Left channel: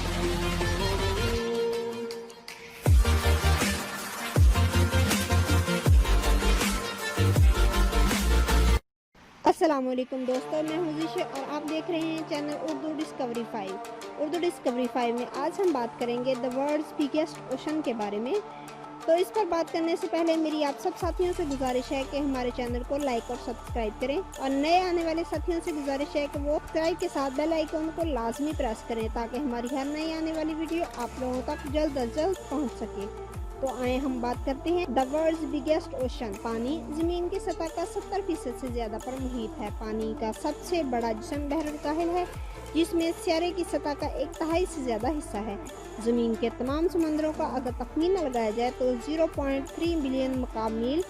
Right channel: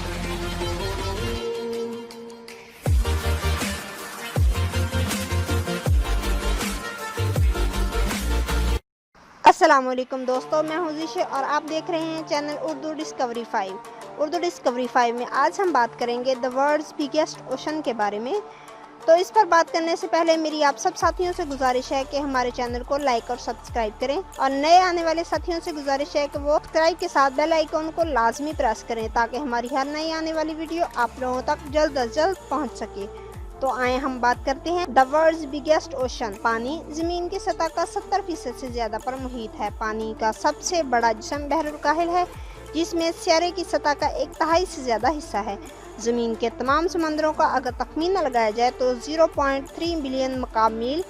अस्सलामुअलैकुम दोस्तों, मैं हूं ज़ीशा और आप देख रहे हैं channel Urdu discovery 5। Urdu discovery 5 में आज हम बात करेंगे द वर्ल्ड्स बिगेस्ट ओशन के बारे में। तो इस पर बात करने से पहले मेरी आप सब साथियों से गुजारिश है कि हमारे चैनल को लाइक और सब्सक्राइब करें, और नए आने वाले साथियों से गुजारिश है कि वो सब्सक्राइब के साथ बेल आइकन को लाजमी प्रेस करें ताकि हमारी हर नई आने वाली वीडियो आप लोगों तक जल्द अज जल्द पहुँच सके। तो आए हम बात करते हैं द वर्ल्ड्स बिगेस्ट ओशन। पानी जमीन की सतह का 70% से ज्यादा पर मुहित है। पानी का सबसे बड़ा जिस्म बहरुल काहिल है, जिसमें सियारे की सतह का 1/3 से ज्यादा हिस्सा है। जमीन के तमाम समंदरों का अगर तखमीना लगाया जाए तो 0.3 बिलियन मकाम मील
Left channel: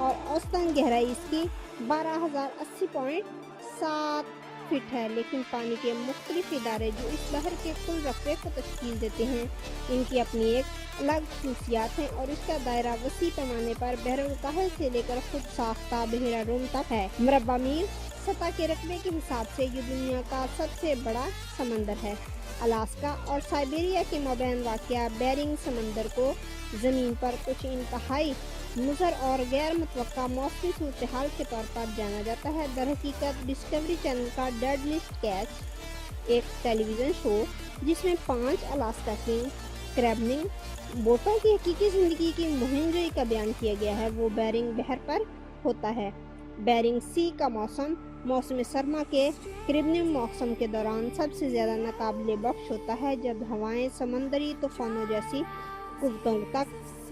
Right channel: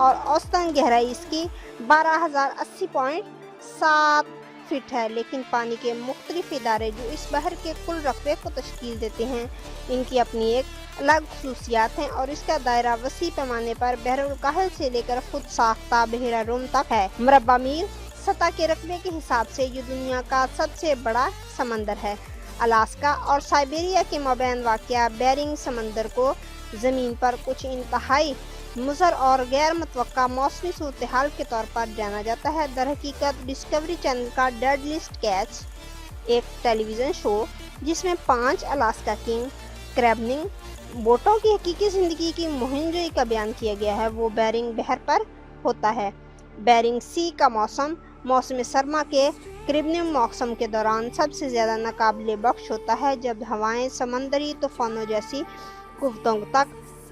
और औसतन गहराई इसकी 12,080.7 फीट है। लेकिन पानी के मुख्तलिफ इदारे जो इस बहर के कुल रकबे को तश्कील देते हैं, इनकी अपनी एक अलग खसूसियात हैं और इसका दायरा वसी पैमाने पर बहरुल काहिल से लेकर खुद साख्ता बहरा रूम तक है। मुरब्बा मील सतह के रकबे के हिसाब से ये दुनिया का सबसे बड़ा समंदर है। अलास्का और साइबेरिया के मबैन वाक़या बेरिंग समंदर को ज़मीन पर कुछ इंतहाई मुज़र और गैर मुतवक्का मौसमी सूरत हाल के तौर पर जाना जाता है। दरहकीकत डिस्कवरी चैनल का डेड लिस्ट कैच, एक टेलीविज़न शो जिसमें 5 अलास्का किंग क्रैबनिंग बोटों की हकीकी ज़िंदगी की मुहिमजोई का बयान किया गया है, वो बेरिंग बहर पर होता है। बेरिंग सी का मौसम सरमा के करीबन मौसम के दौरान सबसे ज़्यादा नाकाबिले बख्श होता है, जब हवाएं समंदरी तूफानों जैसी कुव्वतों तक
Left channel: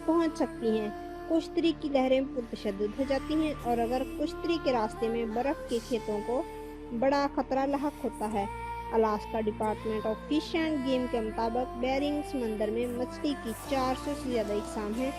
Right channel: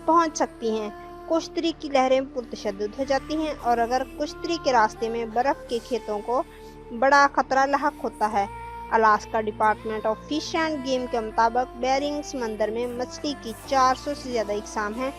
पहुंच सकती हैं। कुश्तरी की लहरें पुरतशद्दुद हो जाती हैं और अगर कुश्तरी के रास्ते में बर्फ़ के खेतों को बड़ा खतरा लाहक होता है। Alaska department of fish end game के मुताबिक बेरिंग समंदर में मछली की 400 से ज़्यादा इकसाम हैं।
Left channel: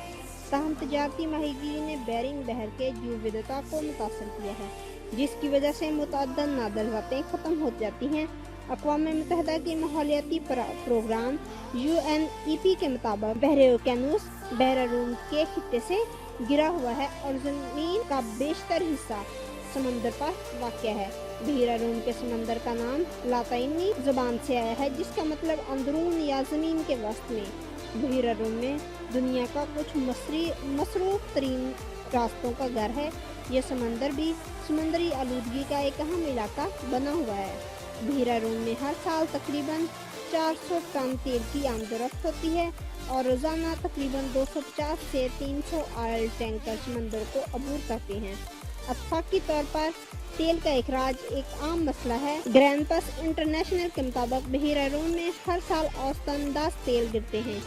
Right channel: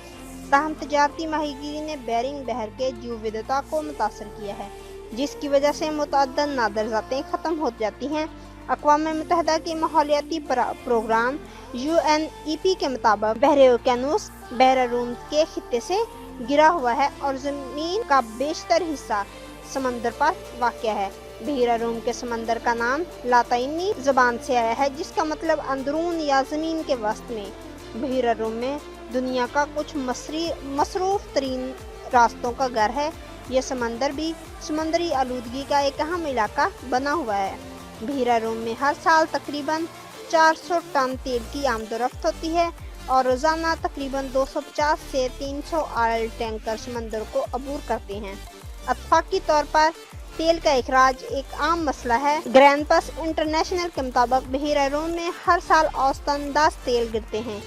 ताहम तजारती माहीगीरी ने बेरिंग बहर के जीव विविधता को मुतासर किया है, जिसकी वजह से मुतअद्दिद नादिर ज़ातें ख़त्म हो जाती हैं। अक़वाम मुत्तहिदा की माहौलियाती प्रोग्राम UNEP के मुताबिक बहरे ओकेनूस बहर रूम के खित्ते से गिरा हुआ है और ज़मीन का बेशतर हिस्सा समंदर पर वाक़या है। बहरा रूम के समंदर का नाम लातीनी ज़बान से आया है, जिसका मतलब अंदरून या ज़मीन के वस्त में। बहरा रूम में दुनिया का कुछ मसरूफ़ तरीन रास्तों का घर है। यह समंदर भी समुद्री आलूदगी का एक अहम इलाका बना हुआ है। बहरा रूम में हर साल तकरीबन 400 टन तेल की आमदोरफ्त होती है और रोज़ाना तकरीबन 250 से 300 ऑयल टैंकर समंदर को अबूर करते हैं। इत्तफाक़ी तौर पर तेल का इखराज एक आम मसला है। ग्रैंडपास इंटरनेशनल के मुताबिक बहरा रूम में हर साल औसतन 10 तेल गिरते हैं।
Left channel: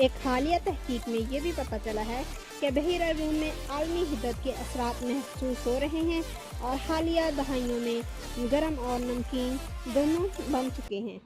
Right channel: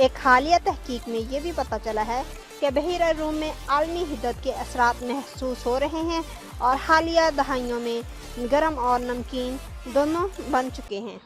एक हालिया तहकीक में ये भी पता चला है कि बहरा रूम में आलमी हिद्दत के असरात महसूस हो रहे हैं और हालिया दहाइयों में गर्म और नमकीन दोनों बन चुके हैं।